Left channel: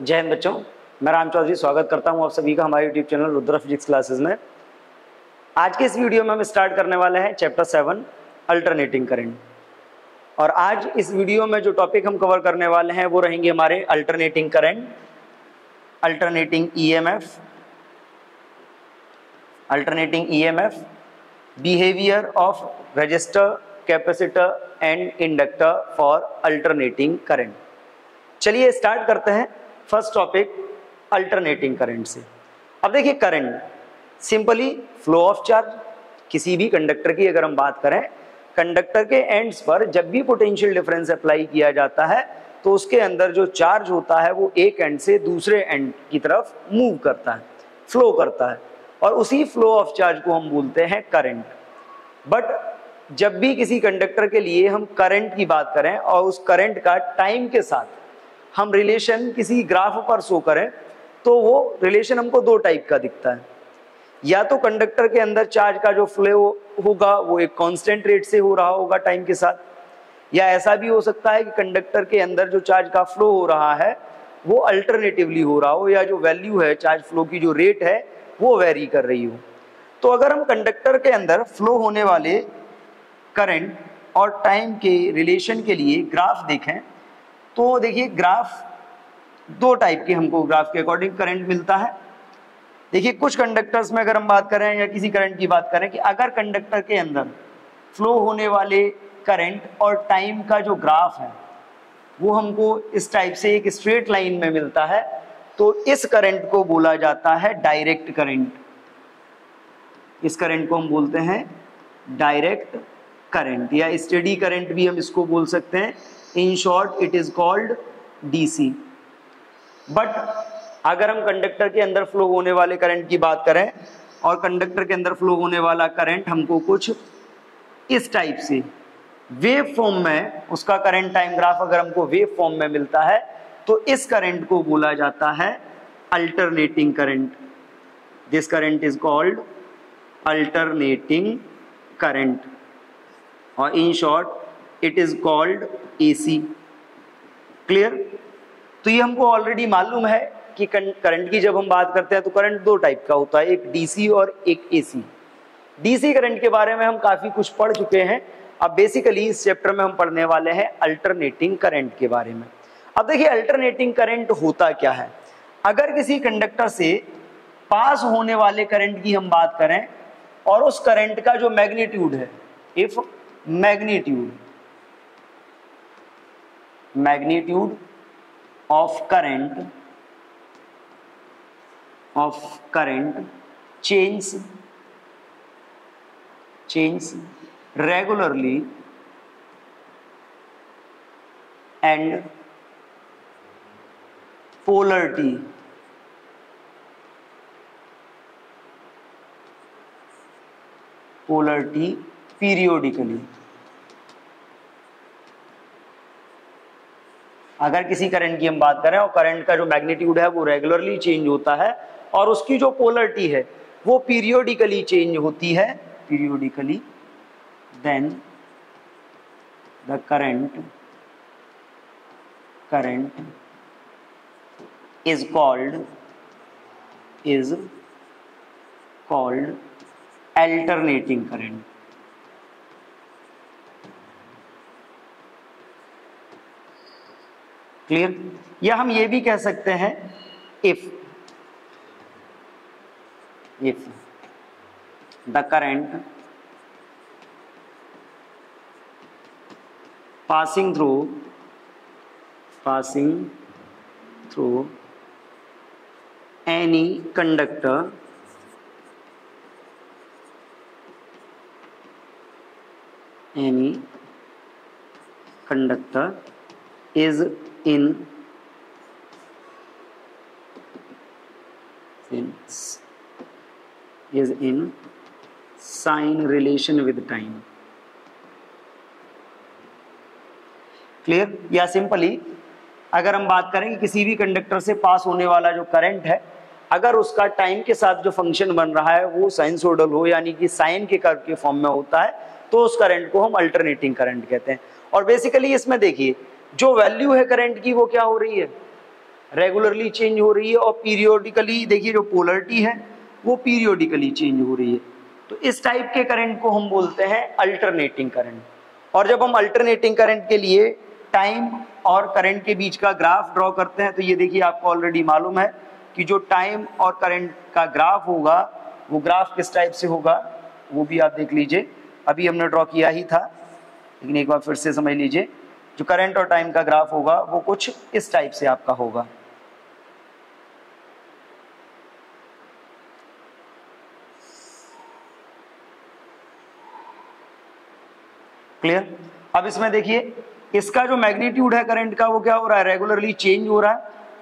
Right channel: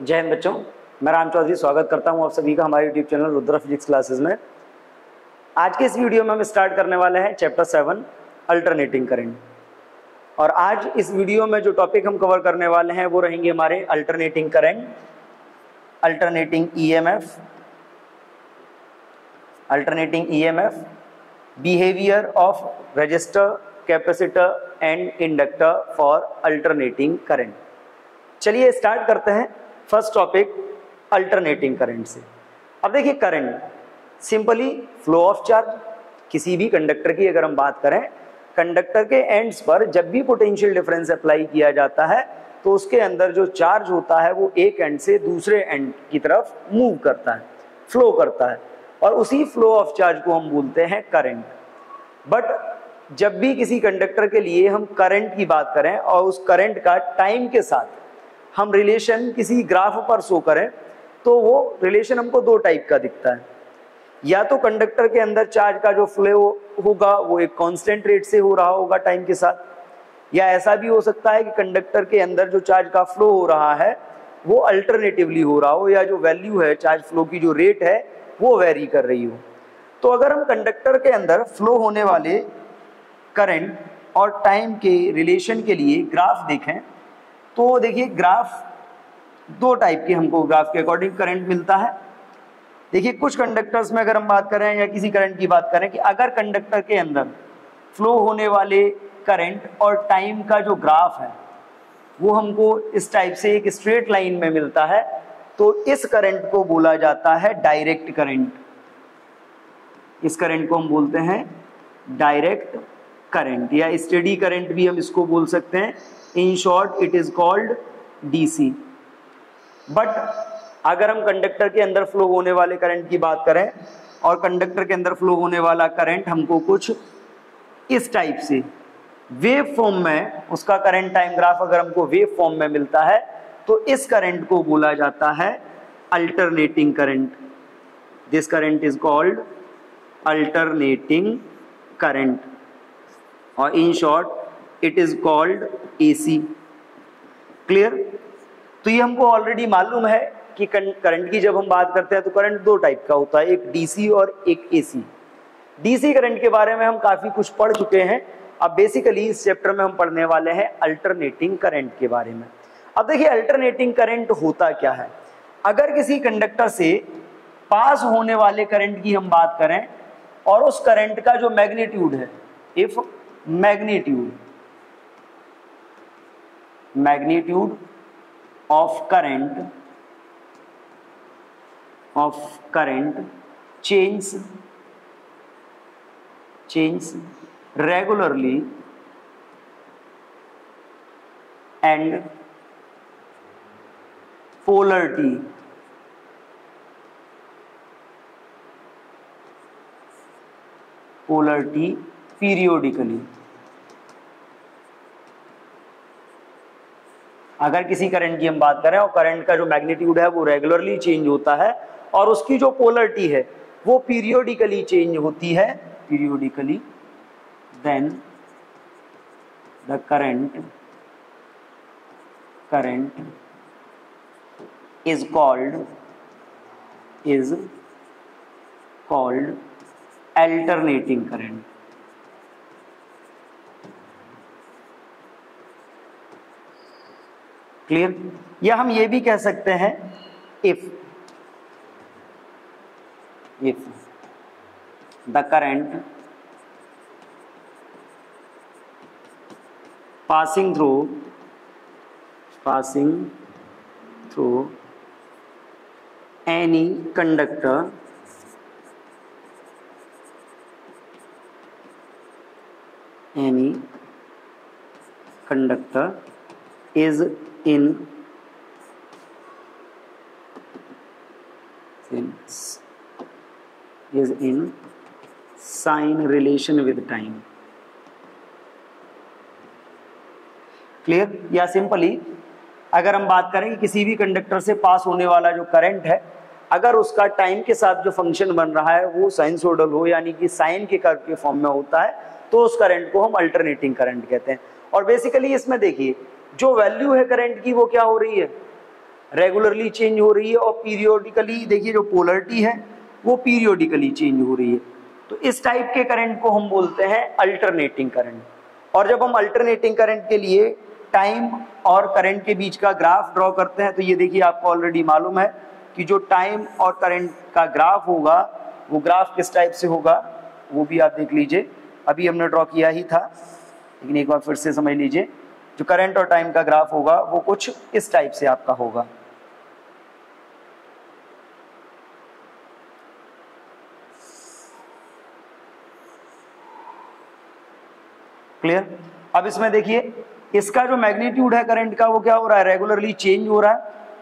जय हिंद बच्चों, मैं राम चौधरी स्वागत करता हूं आप सभी का हमारे YouTube channel Rudra physics classes में। आज के इस वीडियो में हम स्टार्ट करने वाले हैं चैप्टर 7 अल्टरनेटिंग करंट। और आज इस वीडियो में जो टॉपिक हम कवर करने वाले हैं वो रहेंगे हमारे alternating current, alternating EMF, behaviour of register, capacitor and inductor for alternating current. चलिए स्टार्ट करते हैं फर्स्ट टॉपिक अल्टरनेटिंग करंट से। अब देखिए, current simply flow of charge. किसी भी कंडक्टर की अगर हम बात करें, कंडक्टर के एंड्स पर जब भी पोटेंशियल डिफरेंस अप्लाई किया जाता है तो उसके अंदर जो चार्ज होता है वो एक एंड से दूसरे एंड की तरफ मूव करता है, फ्लो करता है, और उसी फ्लो ऑफ चार्ज को हम बोलते हैं करंट। बट जब भी किसी कंडक्टर के लिए हम करंट की बात करें और उस करंट का टाइम के साथ हम रिलेशन किसी ग्राफ पर शो करें तो वो रिलेशन हमको दो टाइप का दिखता है। या तो कंडक्टर के अंदर चार्ज का जो फ्लो होगा वो एक कांस्टेंट रेट से हो रहा होगा टाइम के साथ, या ऐसा भी हो सकता है कि कंडक्टर के अंदर जो चार्ज का फ्लो हो रहा है वो अल्टरनेटिवली हो रहा हो, या जो वैल्यू है चार्ज फ्लो की, जो रेट है वो वेरी कर रही हो। तो अगर हम कंडक्टर के अंदर फ्लो होने वाले करंट और टाइम के रिलेशन के लिए ग्राफ देखें तो देखिए, ग्राफ दो टाइप के हमको ग्राफ के अकॉर्डिंग करंट मिलता है। देखिए, कुछ कंडक्टर्स में अगर हम बात करें या किसी करंट की बात करें कि अगर कंडक्टर के अंदर फ्लो होने वाले करंट और टाइम का जो ग्राफ है वो हमको इस टाइप से एक स्ट्रेट लाइन में मिलता है, तो इस करंट को बोला जाता है डायरेक्ट करंट। इस करंट को हम बोलते हैं डायरेक्ट करंट, या स्टेडी करंट भी हम इसको बोल सकते हैं। इन short it is called DC. But अगर हम कंडक्टर के अंदर फ्लो होने वाले करंट की बात करें और कंडक्टर के अंदर फ्लो होने वाला करंट हमको कुछ इस टाइप से वेव फॉर्म में, उसका करंट टाइम ग्राफ अगर हमको वेव फॉर्म में मिलता है तो इस करंट को बोला जाता है alternating current. This current is called alternating current, और in short it is called AC. Clear? तो ये हमको ऑलरेडी मालूम है कि करंट की जब हम बात करते हैं तो करंट दो टाइप का होता है, एक डीसी और एक एसी। डीसी करंट के बारे में हम काफी कुछ पढ़ चुके हैं। अब बेसिकली इस चैप्टर में हम पढ़ने वाले हैं अल्टरनेटिंग करंट के बारे में। अब देखिए, अल्टरनेटिंग करंट होता क्या है। अगर किसी कंडक्टर से पास होने वाले करंट की हम बात करें और उस करंट का जो मैग्नीट्यूड है, if magnitude of current change regularly and polarity periodically। अगर किसी करंट की हम बात करें और करंट का जो मैग्नीट्यूड है वो रेगुलरली चेंज होता है और उसकी जो पोलरिटी है वो पीरियोडिकली चेंज होती है, then the current is called alternating current. Clear? या हम ये भी कह सकते हैं, if the current passing through any conductor is in sign relation with time। Clear? या सिंपली अगर हम बात करें कि किसी भी कंडक्टर से पास होने वाला जो करंट है, अगर उसका टाइम के साथ जो फंक्शन बन रहा है वो साइनसोइडल हो, यानी कि साइन के कर्व के फॉर्म में होता है, तो उस करंट को हम अल्टरनेटिंग करंट कहते हैं। और बेसिकली इसमें देखिए, जो वैल्यू है करंट की वो क्या हो रही है, रेगुलरली चेंज हो रही है, और पीरियोडिकली देखिए जो पोलरिटी है वो पीरियोडिकली चेंज हो रही है। तो इस टाइप के करंट को हम बोलते हैं अल्टरनेटिंग करंट। और जब हम अल्टरनेटिंग करंट के लिए टाइम और करंट के बीच का ग्राफ ड्रॉ करते हैं, तो ये देखिए आपको ऑलरेडी मालूम है कि जो टाइम और करंट का ग्राफ होगा वो ग्राफ किस टाइप से होगा, वो भी आप देख लीजिए, अभी हमने ड्रॉ किया ही था, लेकिन एक बार फिर से समझ लीजिए। जो करंट और टाइम का ग्राफ होगा वो कुछ इस टाइप से आपका होगा। क्लियर? अब इसमें देखिए इसका जो मैग्नीट्यूड है करंट का वो क्या हो रहा है, रेगुलरली चेंज हो रहा है,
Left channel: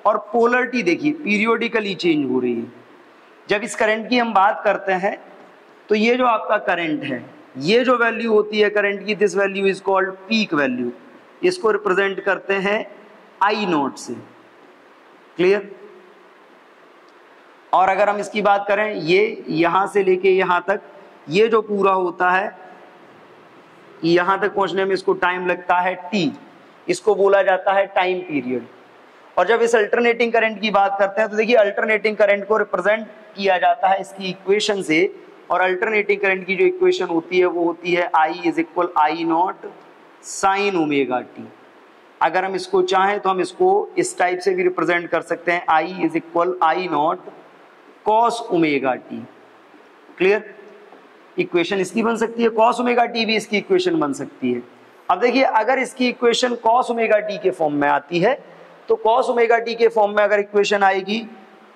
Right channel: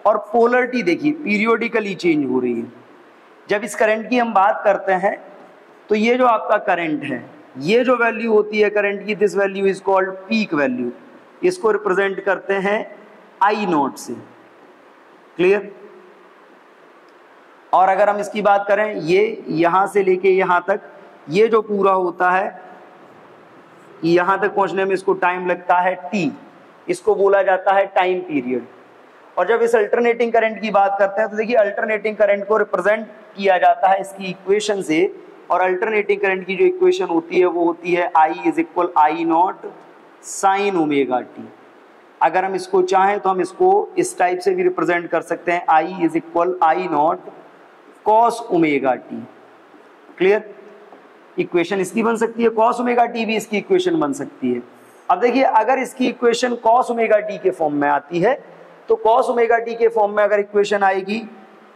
और पोलरिटी देखिए पीरियोडिकली चेंज हो रही है। जब इस करंट की हम बात करते हैं तो ये जो आपका करंट है, ये जो वैल्यू होती है करंट की, this value is called peak value. इसको रिप्रेजेंट करते हैं आई नॉट से। क्लियर? और अगर हम इसकी बात करें, ये यहां से लेके यहां तक, ये जो पूरा होता है, यहां तक पहुंचने में इसको टाइम लगता है टी, इसको बोला जाता है टाइम पीरियड। और जब इस अल्टरनेटिंग करंट की बात करते हैं तो देखिए अल्टरनेटिंग करंट को रिप्रेजेंट किया जाता है इसकी इक्वेशन से, और अल्टरनेटिंग करंट की जो इक्वेशन होती है वो होती है I is equal I naught sine omega T. अगर हम इसको चाहें तो हम इसको इस टाइप से भी रिप्रेजेंट कर सकते हैं, I is equal I naught cos omega T. Clear? Equation इसकी बन सकती है, कॉस ओमेगा टी भी इसकी इक्वेशन बन सकती है। अब देखिए अगर इसकी इक्वेशन कॉस ओमेगा टी के फॉर्म में आती है, तो कॉस ओमेगा टी के फॉर्म में अगर इक्वेशन आएगी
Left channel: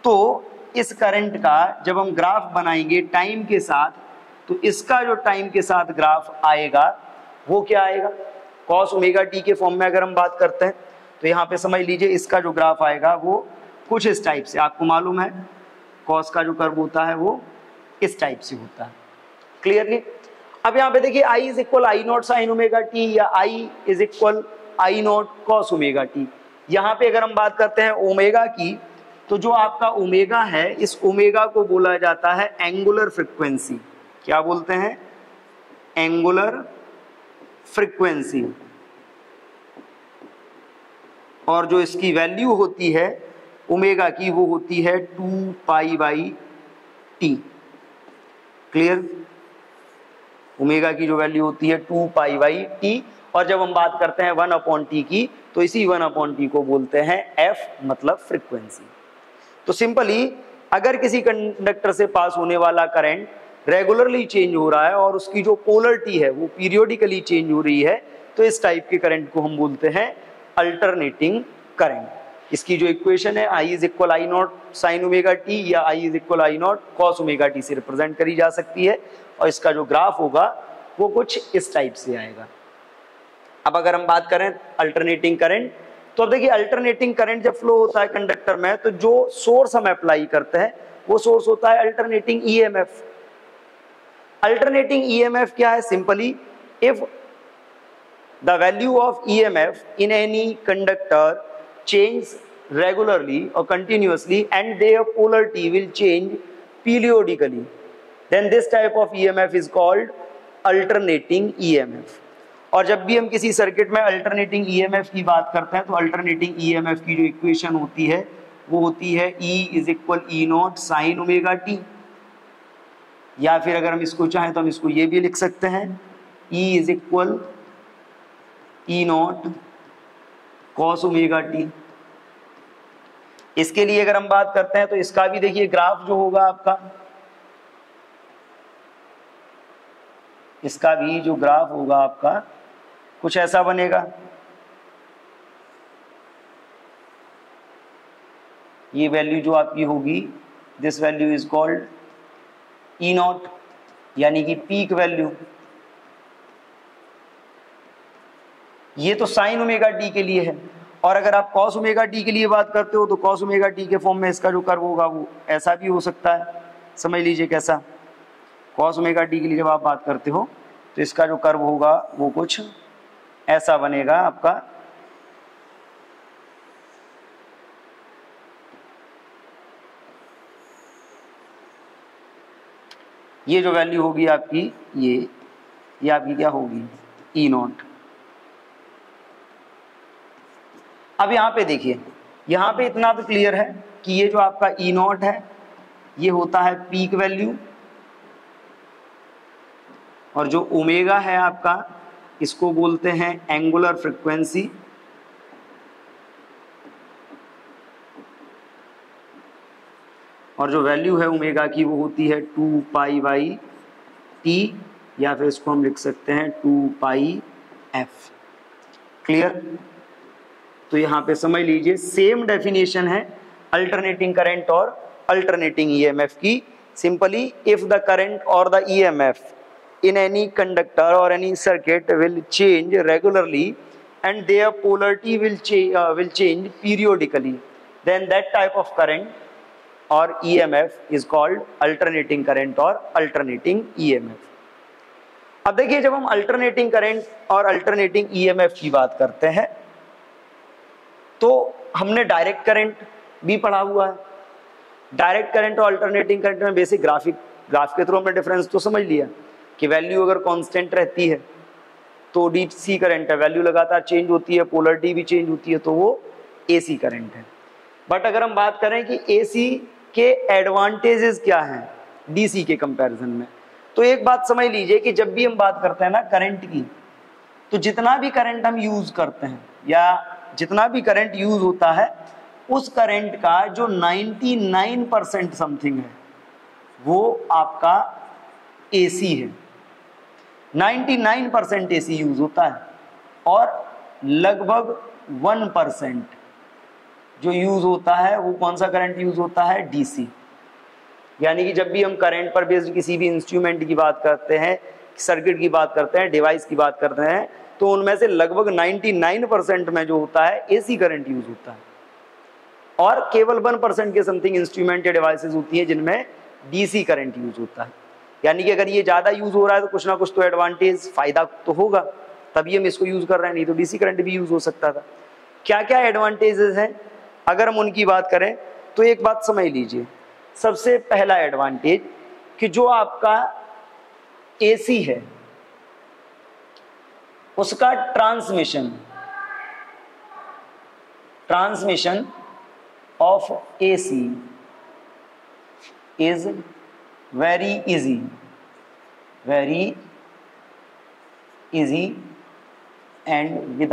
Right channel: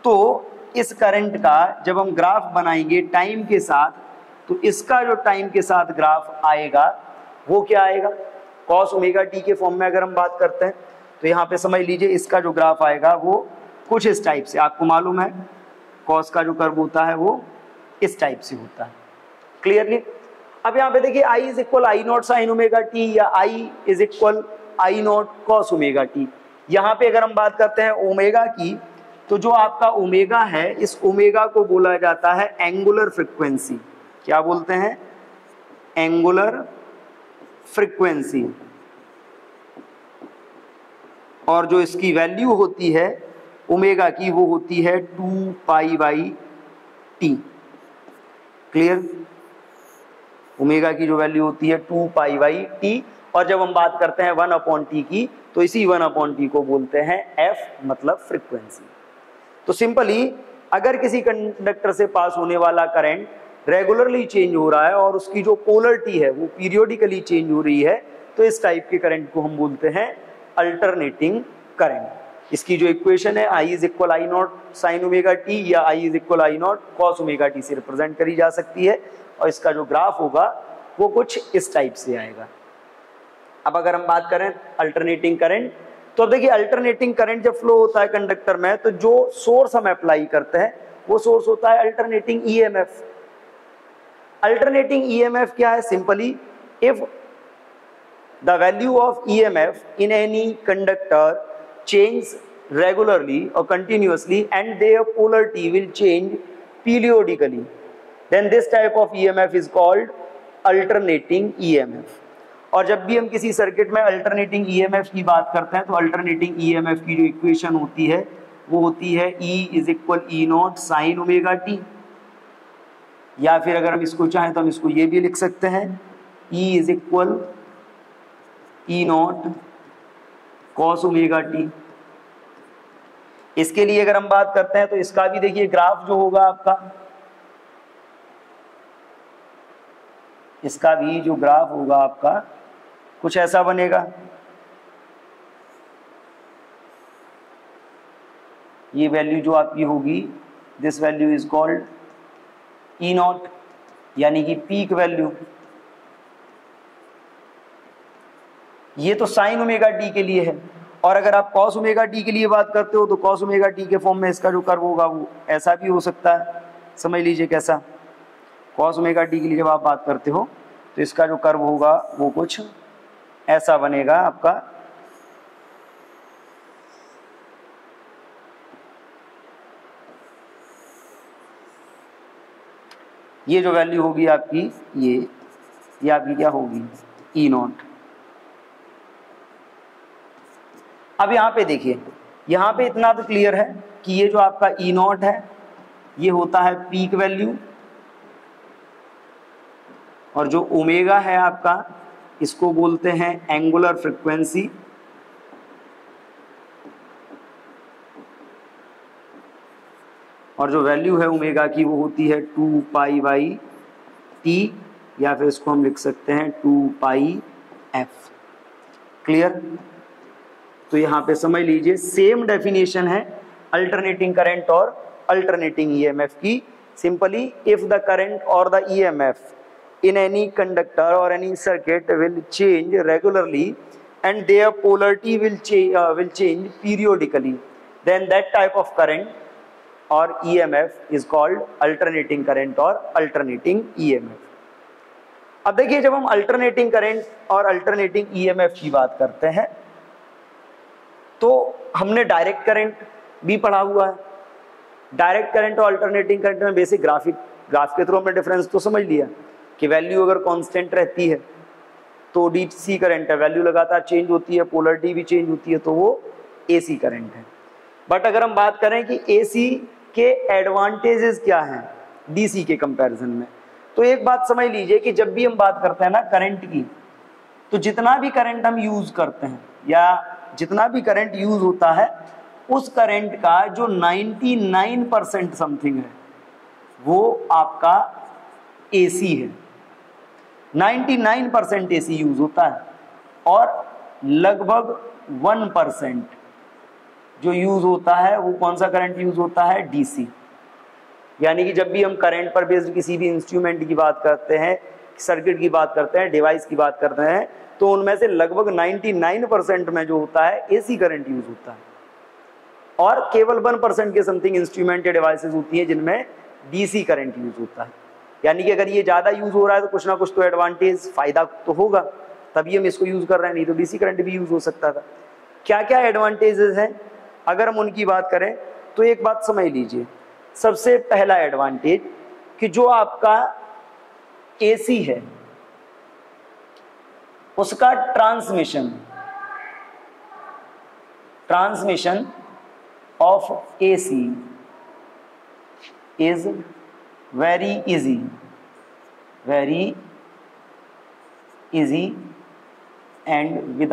तो इस करंट का जब हम ग्राफ बनाएंगे टाइम के साथ, तो इसका जो टाइम के साथ ग्राफ आएगा वो क्या आएगा, कॉस ओमेगा टी के फॉर्म में अगर हम बात करते हैं तो यहाँ पे समझ लीजिए इसका जो ग्राफ आएगा वो कुछ इस टाइप से। आपको मालूम है कॉस का जो कर्व होता है वो इस टाइप से होता है। क्लियरली? अब यहाँ पे देखिए I is equal I naught sine omega T या I is equal I naught cos omega T. यहाँ पे अगर हम बात करते हैं ओमेगा की, तो जो आपका ओमेगा है, इस ओमेगा को बोला जाता है एंगुलर फ्रीक्वेंसी। क्या बोलते हैं? Angular frequency. और जो इसकी वैल्यू होती है ओमेगा की वो होती है 2 pi by T. Clear? Omega की जो वैल्यू होती है 2 पाई बाई टी, और जब हम बात करते हैं 1 अपॉन टी की, तो इसी 1 अपॉन टी को बोलते हैं एफ, मतलब फ्रीक्वेंसी। तो सिंपली अगर किसी कंडक्टर से पास होने वाला करंट रेगुलरली चेंज हो रहा है और उसकी जो पोलरिटी है वो पीरियोडिकली चेंज हो रही है, तो इस टाइप के करंट को हम बोलते हैं अल्टरनेटिंग करंट। इसकी जो इक्वेशन है I is equal I naught sine omega T या I is equal I naught cos omega T से रिप्रेजेंट करी जा सकती है, और इसका जो ग्राफ होगा वो कुछ इस टाइप से आएगा। अब अगर हम बात करें अल्टरनेटिंग करंट, तो देखिए अल्टरनेटिंग करंट जब फ्लो होता है कंडक्टर में, तो जो सोर्स हम अप्लाई करते हैं वो सोर्स होता है अल्टरनेटिंग ईएमएफ। अल्टरनेटिंग ईएमएफ क्या है? Simply if the value of EMF in any conductor change regularly or continuously and their polarity will change periodically, then this type of EMF is called alternating EMF। और जब भी हम किसी circuit में alternating EMF की बात करते हैं तो अल्टरनेटिंग ईएमएफ की जो इक्वेशन होती है वो होती है E is equal E not sine omega T, या फिर अगर हम इसको चाहें तो हम इसको ये भी लिख सकते हैं E is equal E not cos omega T. इसके लिए अगर हम बात करते हैं तो इसका भी देखिए ग्राफ जो होगा आपका, इसका भी जो ग्राफ होगा आपका कुछ ऐसा बनेगा। ये वैल्यू जो आपकी होगी, this value is called E not, यानी कि पीक वैल्यू। ये तो साइन ओमेगा टी के लिए है, और अगर आप कॉस ओमेगा टी के लिए बात करते हो तो कॉस ओमेगा टी के फॉर्म में इसका जो कर्व होगा वो ऐसा भी हो सकता है। समझ लीजिए कैसा, कॉस ओमेगा टी के लिए जब आप बात करते हो तो इसका जो कर्व होगा वो कुछ ऐसा बनेगा आपका। ये जो वैल्यू होगी आपकी ये आपकी क्या होगी, ई नॉट। अब यहाँ पे देखिए यहाँ पे इतना तो क्लियर है कि ये जो आपका ई नॉट है ये होता है पीक वैल्यू, और जो ओमेगा है आपका इसको बोलते हैं एंगुलर फ्रीक्वेंसी, और जो वैल्यू है ओमेगा की वो होती है 2 पाई बाई टी, या फिर इसको हम लिख सकते हैं 2 पाई एफ। क्लियर? तो यहाँ पे समझ लीजिए सेम डेफिनेशन है अल्टरनेटिंग करंट और अल्टरनेटिंग ईएमएफ की। सिंपली इफ द करंट और the EMF in any conductor और any circuit will change regularly and their polarity will change periodically, then that type of current or EMF is called alternating current or alternating EMF. अब देखिए जब हम alternating current और alternating EMF की बात करते हैं तो हमने डायरेक्ट करंट भी पढ़ा हुआ है। डायरेक्ट करंट और अल्टरनेटिंग करंट में बेसिक ग्राफ के थ्रू हमने डिफरेंस तो समझ लिया कि वैल्यू अगर कांस्टेंट रहती है तो डीसी करंट है, वैल्यू लगातार चेंज होती है, पोलरिटी भी चेंज होती है तो वो एसी करंट है। बट अगर हम बात करें कि एसी के एडवांटेजेस क्या हैं डीसी के कंपैरिजन में, तो एक बात समझ लीजिए कि जब भी हम बात करते हैं ना करंट की, तो जितना भी करंट हम यूज करते हैं या जितना भी करंट यूज होता है उस करंट का जो 99% समथिंग है वो आपका एसी है। 99% एसी यूज होता है और लगभग 1% जो यूज होता है वो कौन सा करंट यूज होता है? डीसी। यानी कि जब भी हम करंट पर बेस्ड किसी भी इंस्ट्रूमेंट की बात करते हैं, सर्किट की बात करते हैं, डिवाइस की बात करते हैं, तो उनमें से लगभग 99% में जो होता है एसी करंट यूज होता है और केवल 1% के समथिंग इंस्ट्रूमेंट या डिवाइसेस होती हैं जिनमें डीसी करंट यूज होता है। यानी कि अगर ये ज्यादा यूज हो रहा है तो कुछ ना कुछ तो एडवांटेज, फायदा तो होगा, तभी हम इसको यूज कर रहे हैं, नहीं तो डीसी करंट भी यूज हो सकता था। क्या क्या एडवांटेजेस हैं अगर हम उनकी बात करें तो एक बात समझ लीजिए। सबसे पहला एडवांटेज कि जो आपका एसी है उसका transmission of AC is very easy and with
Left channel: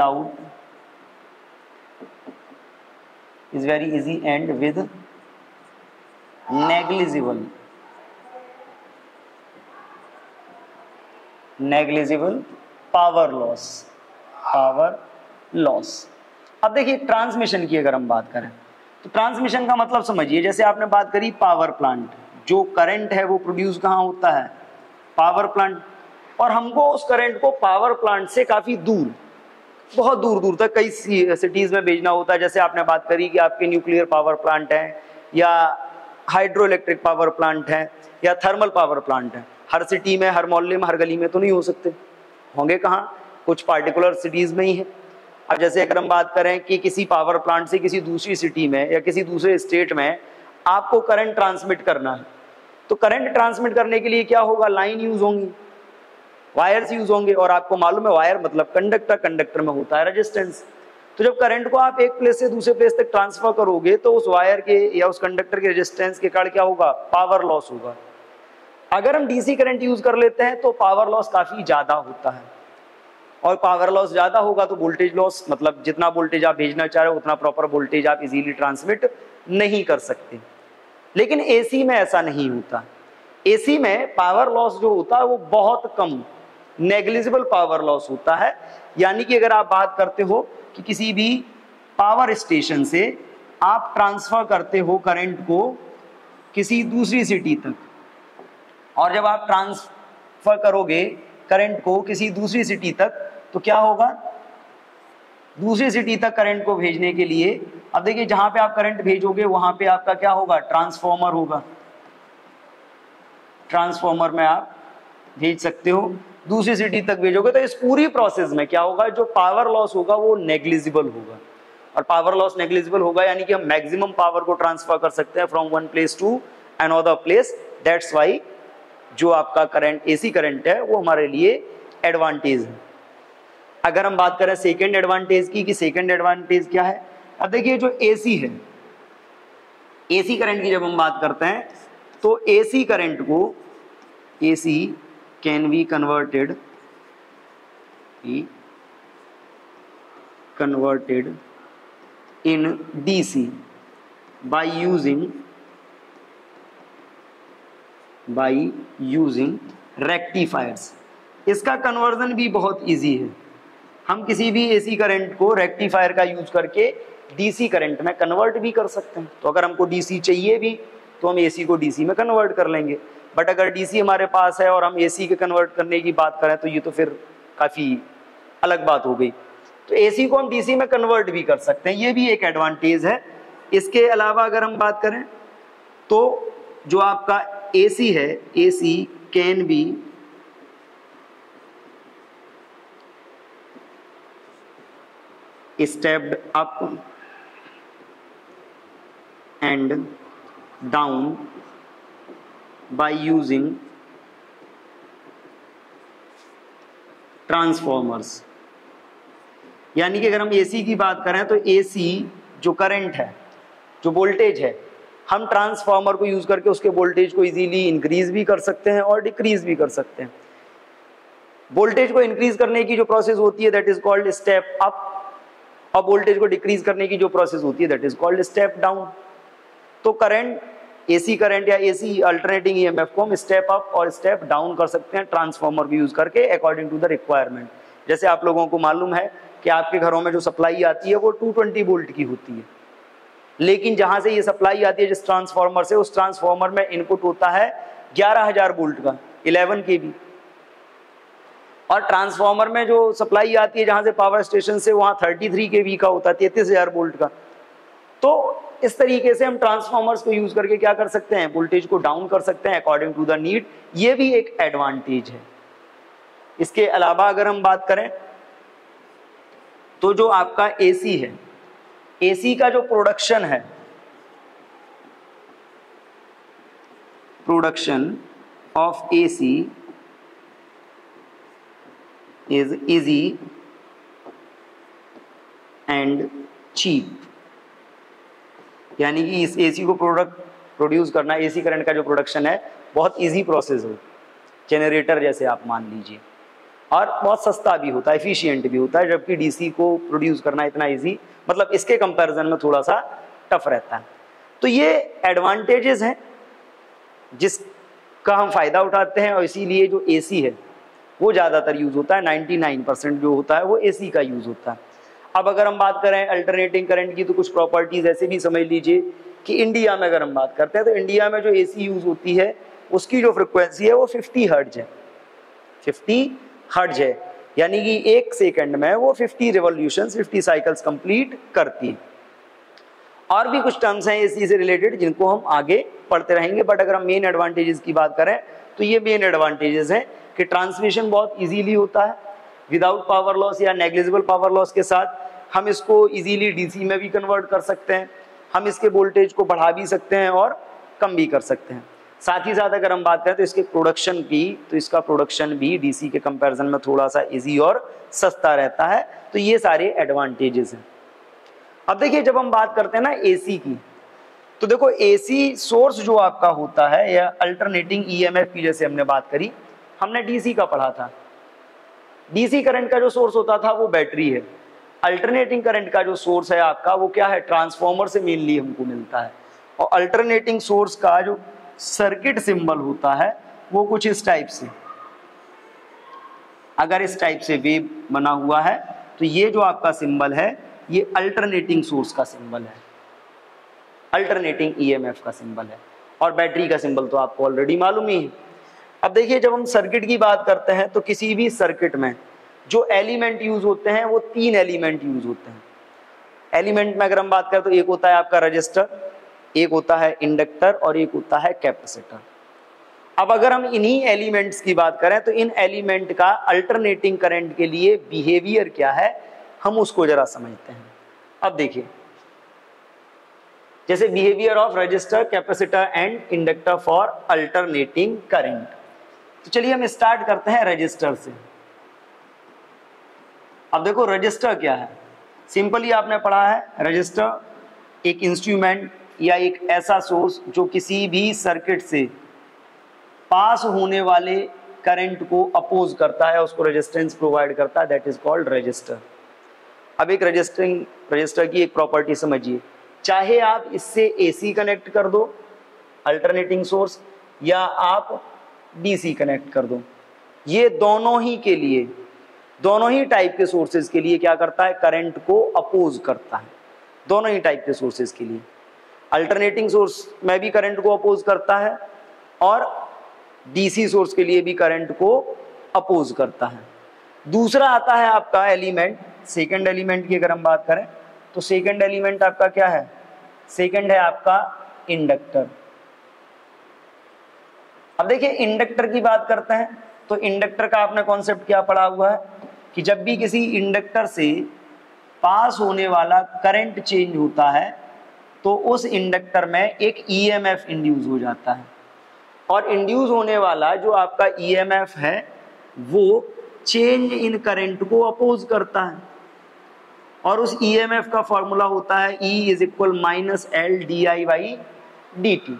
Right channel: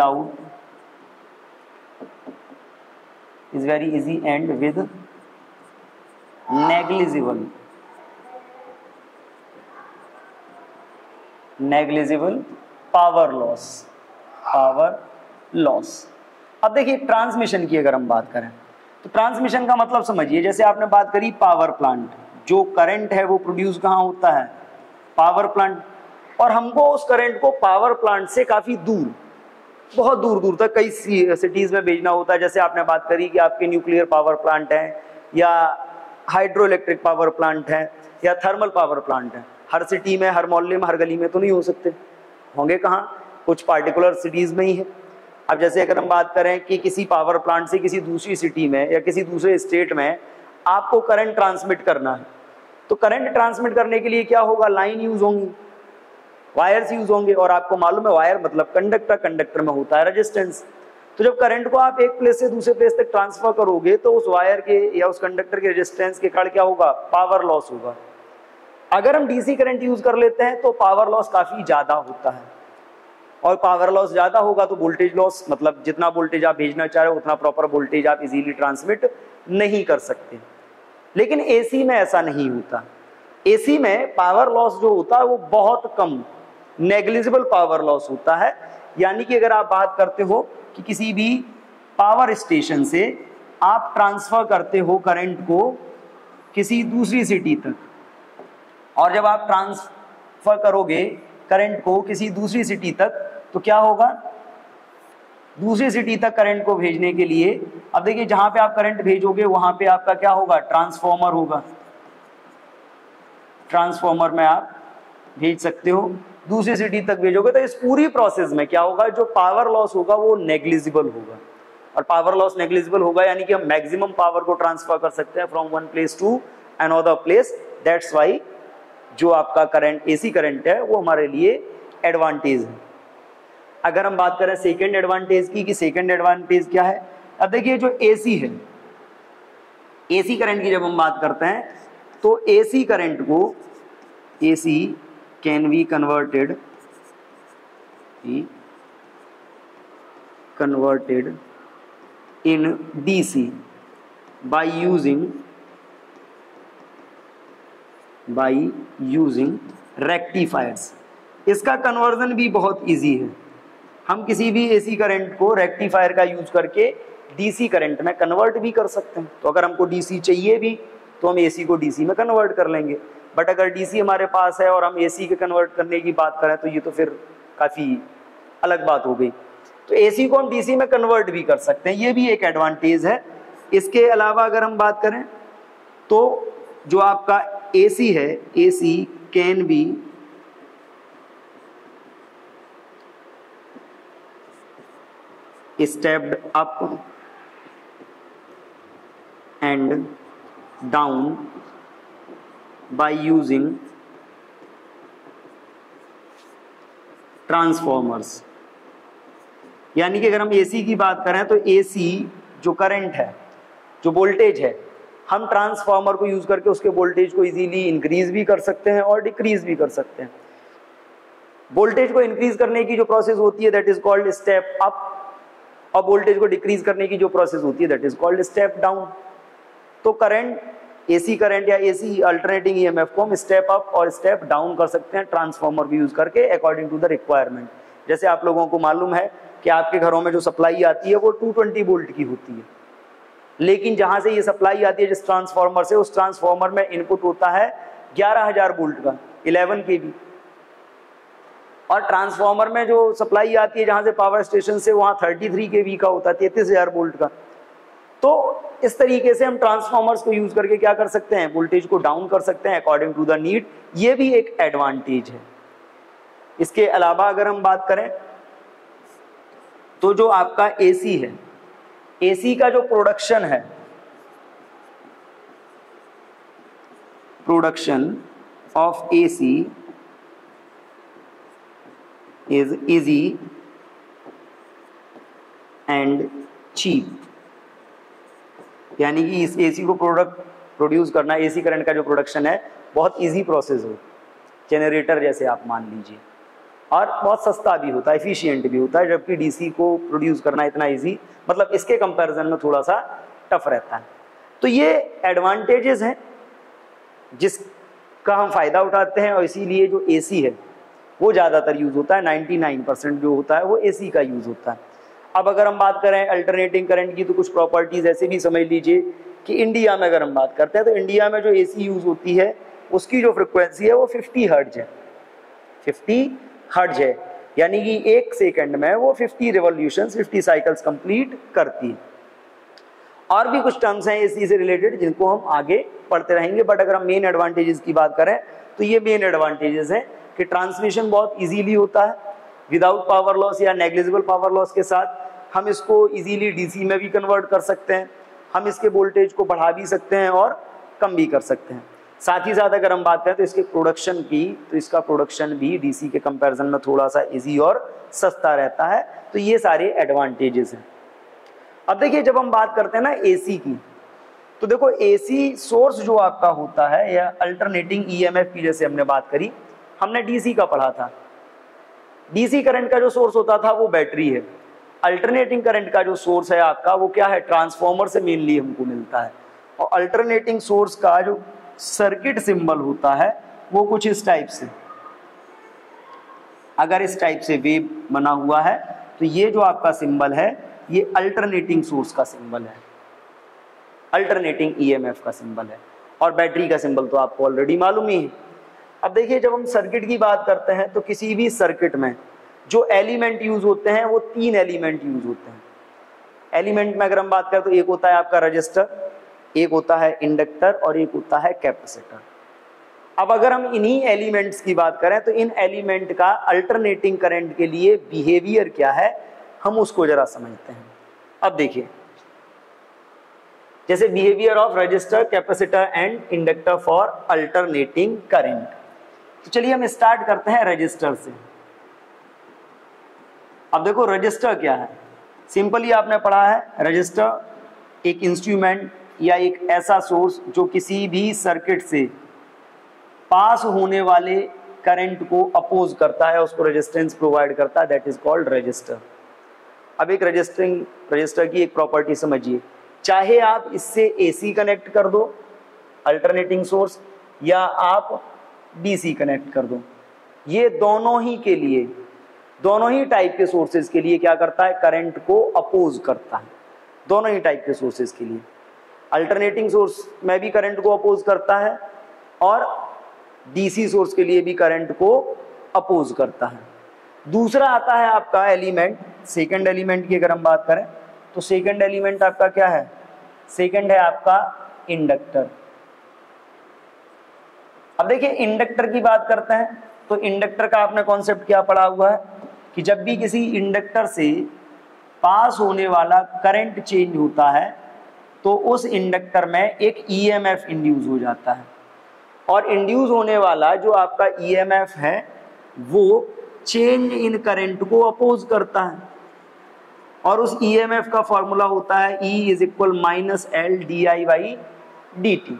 negligible power loss. अब देखिए ट्रांसमिशन की अगर हम बात करें तो ट्रांसमिशन का मतलब समझिए, जैसे आपने बात करी पावर प्लांट, जो करंट है वो प्रोड्यूस कहाँ होता है? Power plant. और हमको उस करंट को पावर प्लांट से काफी दूर, बहुत दूर दूर तक कई सिटीज में भेजना होता है। जैसे आपने बात करी कि आपके न्यूक्लियर पावर प्लांट है या हाइड्रो इलेक्ट्रिक पावर प्लांट है या थर्मल पावर प्लांट है। हर सिटी में, हर मोहल्ले में, हर गली में तो नहीं हो सकते, होंगे कहाँ? कुछ पार्टिकुलर सिटीज में ही है। अब जैसे अगर हम बात करें कि किसी पावर प्लांट से किसी दूसरी सिटी में या किसी दूसरे स्टेट में आपको करंट ट्रांसमिट करना है, तो करंट ट्रांसमिट करने के लिए क्या होगा? लाइन यूज होंगी, वायर्स यूज होंगे, और आपको मालूम है वायर मतलब कंडक्टर, कंडक्टर में होता है रेजिस्टेंस। तो जब करंट को आप एक प्लेस से दूसरे प्लेस तक ट्रांसफर करोगे तो उस वायर के या उस कंडक्टर के रेजिस्टेंस के कारण क्या होगा? पावर लॉस होगा। अगर हम डीसी करंट यूज कर लेते हैं तो पावर लॉस काफी ज्यादा होता है, और पावर लॉस ज्यादा होगा तो वोल्टेज लॉस, मतलब जितना वोल्टेज आप भेजना चाह रहे हो उतना प्रॉपर वोल्टेज आप इजीली ट्रांसमिट नहीं कर सकते। लेकिन एसी में ऐसा नहीं होता। एसी में पावर लॉस जो होता है वो बहुत कम, नेग्लिजिबल पावर लॉस होता है। यानी कि अगर आप बात करते हो कि किसी भी पावर स्टेशन से आप ट्रांसफर करते हो करंट को किसी दूसरी सिटी तक, और जब आप ट्रांसफर करोगे करंट को किसी दूसरी सिटी तक तो क्या होगा? दूसरी सिटी तक करंट को भेजने के लिए, अब देखिए जहां पे आप करंट भेजोगे वहां पे आपका क्या होगा? ट्रांसफॉर्मर होगा। ट्रांसफॉर्मर में आप भेज सकते हो, दूसरी सिटी तक भेजोगे तो इस पूरी प्रोसेस में क्या होगा? जो पावर लॉस होगा वो नेग्लिजिबल होगा, और पावर लॉस नेग्लिजिबल होगा यानी कि हम मैक्सिमम पावर को ट्रांसफर कर सकते हैं from one place to another place. That's why जो आपका करंट, एसी करंट है, वो हमारे लिए एडवांटेज है। अगर हम बात करें सेकेंड एडवांटेज की, कि सेकेंड एडवांटेज क्या है? अब देखिए जो एसी है, एसी करंट की जब हम बात करते हैं तो एसी करंट को, AC can be converted in DC by using rectifiers. इसका कन्वर्जन भी बहुत इजी है, हम किसी भी एसी करंट को रेक्टिफायर का यूज करके डीसी करंट में कन्वर्ट भी कर सकते हैं। तो अगर हमको डीसी चाहिए भी तो हम एसी को डीसी में कन्वर्ट कर लेंगे, बट अगर डीसी हमारे पास है और हम एसी के कन्वर्ट करने की बात करें तो ये तो फिर काफ़ी अलग बात हो गई। तो एसी को हम डीसी में कन्वर्ट भी कर सकते हैं, ये भी एक एडवांटेज है। इसके अलावा अगर हम बात करें तो जो आपका एसी है, AC can be stepped up and down by using transformers. यानी कि अगर हम एसी की बात करें तो एसी जो करंट है, जो वोल्टेज है, हम ट्रांसफॉर्मर को यूज करके उसके वोल्टेज को इजीली इंक्रीज भी कर सकते हैं और डिक्रीज भी कर सकते हैं। वोल्टेज को इंक्रीज करने की जो प्रोसेस होती है that is called step up, और वोल्टेज को डिक्रीज करने की जो प्रोसेस होती है that is called step down. तो करंट, एसी करंट या एसी अल्टरनेटिंग ईएमएफ को हम स्टेप अप और स्टेप डाउन कर सकते हैं ट्रांसफॉर्मर भी यूज करके अकॉर्डिंग टू द रिक्वायरमेंट। जैसे आप लोगों को मालूम है कि आपके घरों में जो सप्लाई आती है वो 220 वोल्ट की होती है, लेकिन जहां से ये सप्लाई आती है जिस ट्रांसफॉर्मर से, उस ट्रांसफॉर्मर में इनपुट होता है 11,000 वोल्ट का, 11 kV। और ट्रांसफॉर्मर में जो सप्लाई आती है जहां से पावर स्टेशन से, वहां 33 kV का होता है, 33,000 वोल्ट का। तो इस तरीके से हम ट्रांसफॉर्मर्स को यूज करके क्या कर सकते हैं, वोल्टेज को डाउन कर सकते हैं अकॉर्डिंग टू द नीड। ये भी एक एडवांटेज है। इसके अलावा अगर हम बात करें तो जो आपका एसी है, एसी का जो प्रोडक्शन है, production of AC is easy and cheap। यानी कि इस एसी को प्रोड्यूस करना, एसी करंट का जो प्रोडक्शन है बहुत इजी प्रोसेस हो, जनरेटर जैसे आप मान लीजिए, और बहुत सस्ता भी होता है, एफिशिएंट भी होता है, जबकि डीसी को प्रोड्यूस करना इतना इजी, मतलब इसके कंपैरिजन में थोड़ा सा टफ रहता है। तो ये एडवांटेजेस हैं जिसका हम फायदा उठाते हैं, और इसीलिए जो एसी है वो ज़्यादातर यूज होता है, 99% जो होता है वो एसी का यूज होता है। अब अगर हम बात करें अल्टरनेटिंग करंट की तो कुछ प्रॉपर्टीज ऐसे भी समझ लीजिए कि इंडिया में अगर हम बात करते हैं तो इंडिया में जो एसी यूज होती है उसकी जो फ्रिक्वेंसी है वो 50 हर्ट्ज है, 50 हर्ट्ज है, यानी कि 1 सेकंड में वो 50 रिवॉल्यूशंस, 50 साइकिल्स कंप्लीट करती है। और भी कुछ टर्म्स हैं एसी से रिलेटेड जिनको हम आगे पढ़ते रहेंगे, बट अगर हम मेन एडवांटेजेस की बात करें तो ये मेन एडवांटेजेस हैं कि ट्रांसमिशन बहुत इजीली होता है विदाउट पावर लॉस या नेग्लिजिबल पावर लॉस के साथ। हम इसको इजीली डीसी में भी कन्वर्ट कर सकते हैं, हम इसके वोल्टेज को बढ़ा भी सकते हैं और कम भी कर सकते हैं। साथ ही साथ अगर हम बात करें तो इसके प्रोडक्शन की, तो इसका प्रोडक्शन भी डीसी के कंपैरिजन में थोड़ा सा इजी और सस्ता रहता है। तो ये सारे एडवांटेजेस हैं। अब देखिए जब हम बात करते हैं ना एसी की, तो देखो एसी सोर्स जो आपका होता है या अल्टरनेटिंग ईएमएफ की जैसे हमने बात करी, हमने डीसी का पढ़ा था। डीसी करंट का जो सोर्स होता था वो बैटरी है, अल्टरनेटिंग करंट का जो सोर्स है आपका वो क्या है, ट्रांसफॉर्मर से मेनली हमको मिलता है। और अल्टरनेटिंग सोर्स का जो सर्किट सिंबल होता है वो कुछ इस टाइप से, अगर इस टाइप से वेव बना हुआ है तो ये जो आपका सिंबल है ये अल्टरनेटिंग सोर्स का सिंबल है, अल्टरनेटिंग ईएमएफ का सिंबल है। और बैटरी का सिंबल तो आपको ऑलरेडी मालूम ही है। अब देखिए जब हम सर्किट की बात करते हैं तो किसी भी सर्किट में जो एलिमेंट यूज होते हैं वो 3 एलिमेंट यूज होते हैं। एलिमेंट में अगर हम बात करें तो एक होता है आपका रजिस्टर, एक होता है इंडक्टर और एक होता है कैपेसिटर। अब अगर हम इन्हीं एलिमेंट्स की बात करें तो इन एलिमेंट का अल्टरनेटिंग करंट के लिए बिहेवियर क्या है हम उसको जरा समझते हैं। अब देखिए जैसे behaviour of register, capacitor and inductor for alternating current. तो चलिए हम स्टार्ट करते हैं रजिस्टर से। अब देखो रजिस्टर क्या है, सिंपली आपने पढ़ा है रजिस्टर एक इंस्ट्रूमेंट या एक ऐसा सोर्स जो किसी भी सर्किट से पास होने वाले करंट को अपोज करता है, उसको रेजिस्टेंस प्रोवाइड करता है, दैट इज कॉल्ड रजिस्टर। अब एक रजिस्टर की एक प्रॉपर्टी समझिए, चाहे आप इससे एसी कनेक्ट कर दो अल्टरनेटिंग सोर्स, या आप डीसी कनेक्ट कर दो, ये दोनों ही टाइप के सोर्सेज के लिए क्या करता है, करंट को अपोज करता है। दोनों ही टाइप के सोर्सेज के लिए अल्टरनेटिंग सोर्स में भी करंट को अपोज करता है और डीसी सोर्स के लिए भी करंट को अपोज करता है। दूसरा आता है आपका एलिमेंट, सेकंड एलिमेंट की अगर हम बात करें तो सेकंड एलिमेंट आपका क्या है, सेकंड है आपका इंडक्टर। अब देखिए इंडक्टर की बात करते हैं तो इंडक्टर का आपने कॉन्सेप्ट क्या पढ़ा हुआ है कि जब भी किसी इंडक्टर से पास होने वाला करंट चेंज होता है तो उस इंडक्टर में एक ईएमएफ इंड्यूस हो जाता है, और इंड्यूस होने वाला जो आपका ईएमएफ है वो चेंज इन करंट को अपोज करता है, और उस ईएमएफ का फॉर्मूला होता है E is equal minus L D I by D T.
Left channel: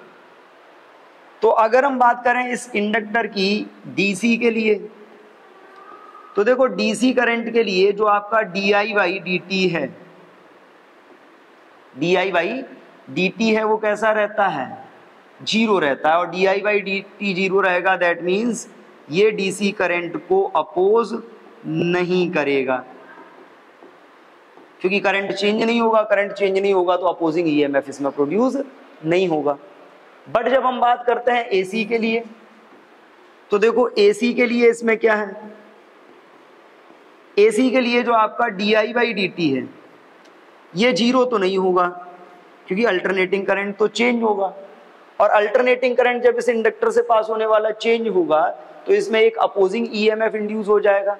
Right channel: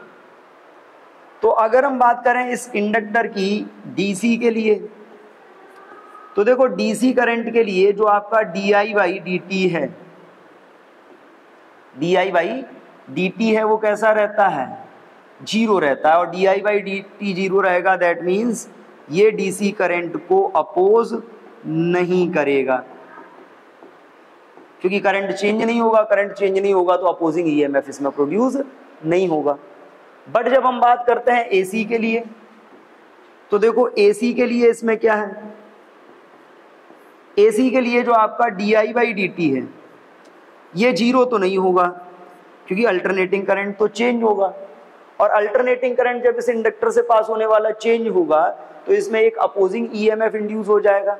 तो अगर हम बात करें इस इंडक्टर की डीसी के लिए, तो देखो डीसी करंट के लिए जो आपका D I by D T है, D I by D T है वो कैसा रहता है, जीरो रहता है, और D I by D T zero रहेगा, दैट मीन्स ये डीसी करंट को अपोज नहीं करेगा, क्योंकि करंट चेंज नहीं होगा, करंट चेंज नहीं होगा तो अपोजिंग ईएमएफ इसमें प्रोड्यूस नहीं होगा। बट जब हम बात करते हैं एसी के लिए, तो देखो एसी के लिए इसमें क्या है, एसी के लिए जो आपका D I by D T है ये जीरो तो नहीं होगा, क्योंकि अल्टरनेटिंग करंट तो चेंज होगा, और अल्टरनेटिंग करंट जब इस इंडक्टर से पास होने वाला चेंज होगा तो इसमें एक अपोजिंग ईएमएफ इंड्यूस हो जाएगा,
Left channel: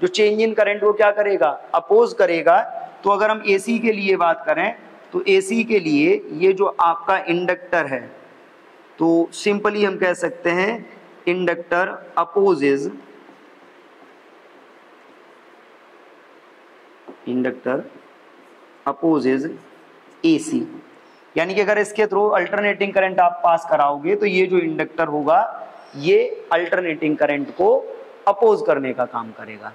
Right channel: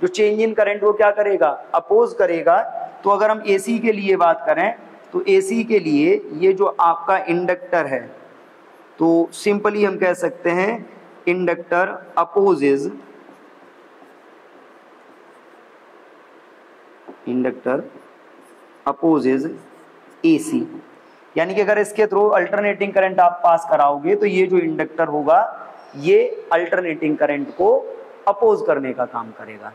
जो चेंज इन करंट को क्या करेगा, अपोज करेगा। तो अगर हम एसी के लिए बात करें तो एसी के लिए ये जो आपका इंडक्टर है, तो सिंपली हम कह सकते हैं इंडक्टर अपोजेज एसी, यानी कि अगर इसके थ्रू अल्टरनेटिंग करंट आप पास कराओगे तो ये जो इंडक्टर होगा ये अल्टरनेटिंग करंट को अपोज करने का काम करेगा।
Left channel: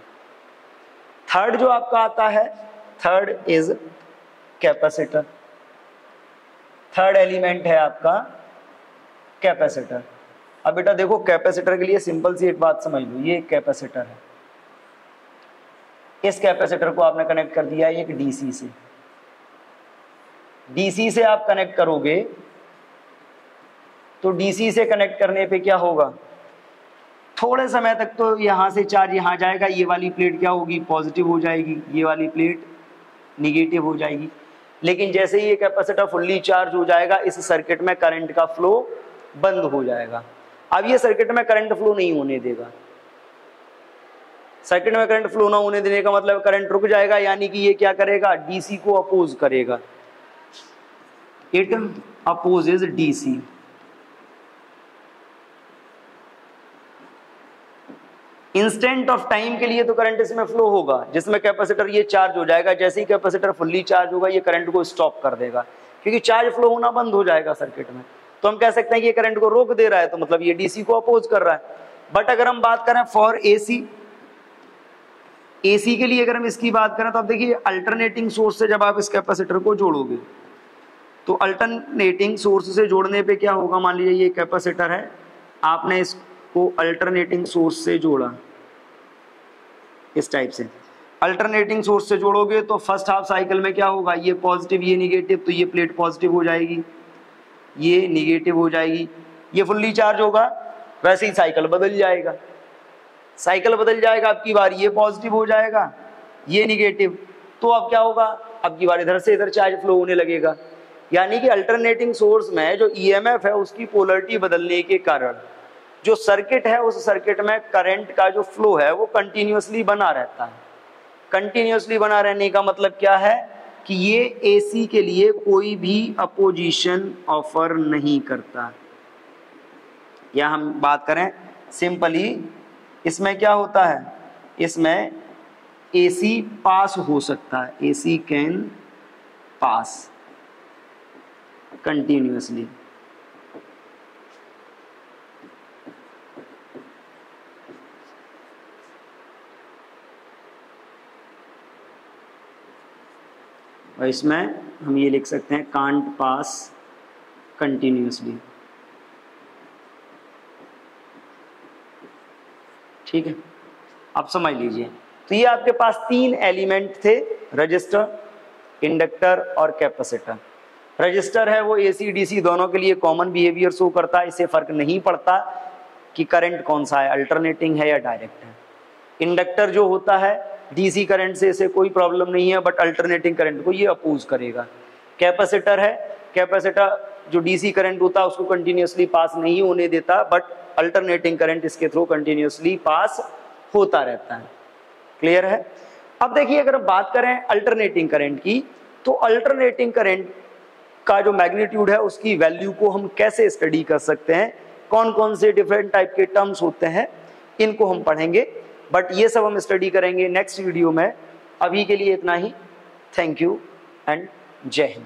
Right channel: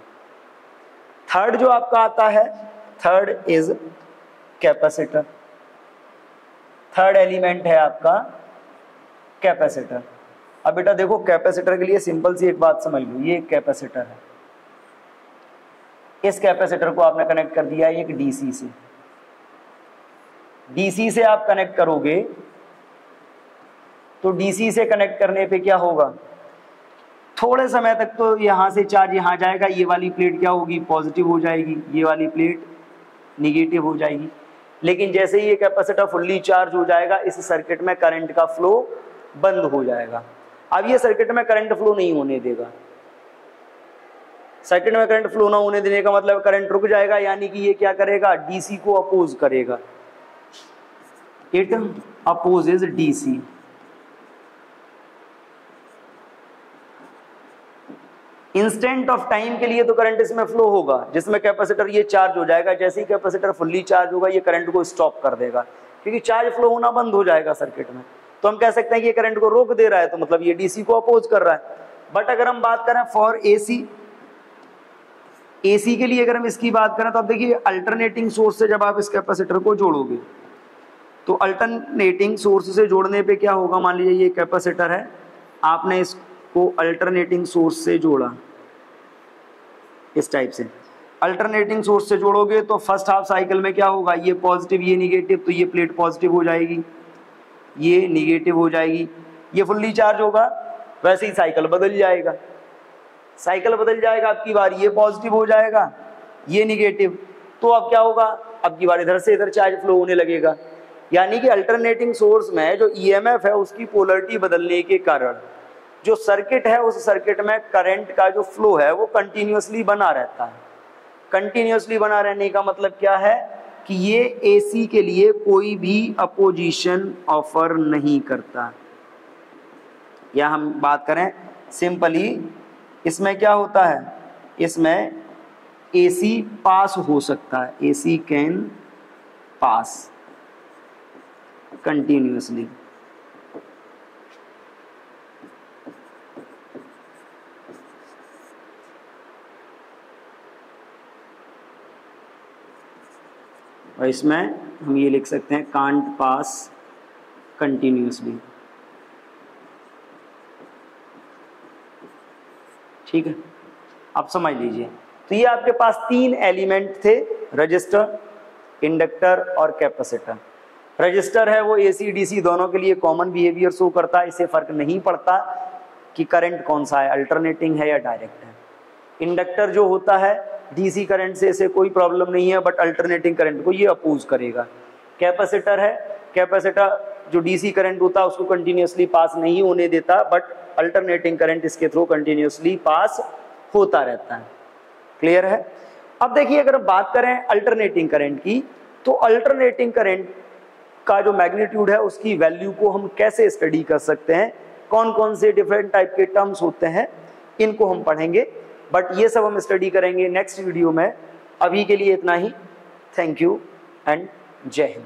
थर्ड जो आपका आता है, third is capacitor. Third element है आपका कैपेसिटर। अब बेटा देखो कैपेसिटर के लिए सिंपल सी एक बात समझ लो, ये एक कैपेसिटर है, इस कैपेसिटर को आपने कनेक्ट कर दिया एक डीसी से, डीसी से आप कनेक्ट करोगे तो डीसी से कनेक्ट करने पे क्या होगा, थोड़े समय तक तो यहां से चार्ज यहां जाएगा, ये वाली प्लेट क्या होगी, पॉजिटिव हो जाएगी, ये वाली प्लेट निगेटिव हो जाएगी। लेकिन जैसे ही ये कैपेसिटर फुल्ली चार्ज हो जाएगा इस सर्किट में करंट का फ्लो बंद हो जाएगा। अब ये सर्किट में करंट फ्लो नहीं होने देगा, सर्किट में करंट फ्लो ना होने देने का मतलब करंट रुक जाएगा, यानी कि ये क्या करेगा, डीसी को अपोज करेगा, it opposes DC. Instant of time के लिए तो करंट इसमें फ्लो होगा, जिसमें कैपेसिटर ये चार्ज हो जाएगा, जैसे ही कैपेसिटर फुल्ली चार्ज होगा ये करंट को स्टॉप कर देगा, क्योंकि चार्ज फ्लो होना बंद हो जाएगा सर्किट में। तो हम कह सकते हैं कि ये करंट को रोक दे रहा है, तो मतलब ये डीसी को अपोज कर रहा है। बट अगर हम बात करें फॉर एसी, एसी के लिए अगर हम इसकी बात करें तो आप देखिए अल्टरनेटिंग सोर्स से जब आप इस कैपेसिटर को जोड़ोगे तो अल्टरनेटिंग सोर्स से जोड़ने पे क्या होगा, मान लीजिए ये कैपेसिटर है, आपने इसको अल्टरनेटिंग सोर्स से जोड़ा, इस टाइप से अल्टरनेटिंग सोर्स से जोड़ोगे तो फर्स्ट हाफ साइकिल में क्या होगा, ये पॉजिटिव ये निगेटिव, तो ये प्लेट पॉजिटिव हो जाएगी, ये निगेटिव हो जाएगी, ये फुल्ली चार्ज होगा, वैसे ही साइकिल बदल जाएगा, साइकिल बदल जाएगा, अब की बार ये पॉजिटिव हो जाएगा, ये निगेटिव, तो अब क्या होगा, अब की बार इधर से इधर चार्ज फ्लो होने लगेगा। यानी कि अल्टरनेटिंग सोर्स में जो ईएमएफ है उसकी पोलरिटी बदलने के कारण जो सर्किट है उस सर्किट में करंट का जो फ्लो है वो कंटिन्यूअसली बना रहता है। कंटिन्यूअसली बना रहने का मतलब क्या है कि ये एसी के लिए कोई भी अपोजिशन ऑफर नहीं करता। या हम बात करें सिंपली, इसमें क्या होता है, इसमें AC पास हो सकता है, AC कैन पास कंटिन्यूसली। और इसमें हम ये लिख सकते हैं कांट पास कंटिन्यूसली। ठीक है, आप समझ लीजिए। तो ये आपके पास 3 एलिमेंट थे, रजिस्टर, इंडक्टर और कैपेसिटर। रजिस्टर है वो AC DC दोनों के लिए कॉमन बिहेवियर शो करता है, इससे फर्क नहीं पड़ता कि करंट कौन सा है, अल्टरनेटिंग है या डायरेक्ट है। इंडक्टर जो होता है DC करंट से इसे कोई प्रॉब्लम नहीं है, बट अल्टरनेटिंग करंट को ये अपोज करेगा। कैपेसिटर है, कैपेसिटर जो DC करंट होता है उसको कंटिन्यूसली पास नहीं होने देता, बट अल्टरनेटिंग करंट इसके थ्रू कंटिन्यूसली पास होता रहता है। क्लियर है? अब देखिए, अगर हम बात करें अल्टरनेटिंग करंट की, तो अल्टरनेटिंग करंट का जो मैग्नीट्यूड है उसकी वैल्यू को हम कैसे स्टडी कर सकते हैं, कौन कौन से डिफरेंट टाइप के टर्म्स होते हैं, इनको हम पढ़ेंगे, बट ये सब हम स्टडी करेंगे नेक्स्ट वीडियो में। अभी के लिए इतना ही। थैंक यू एंड जय हिंद।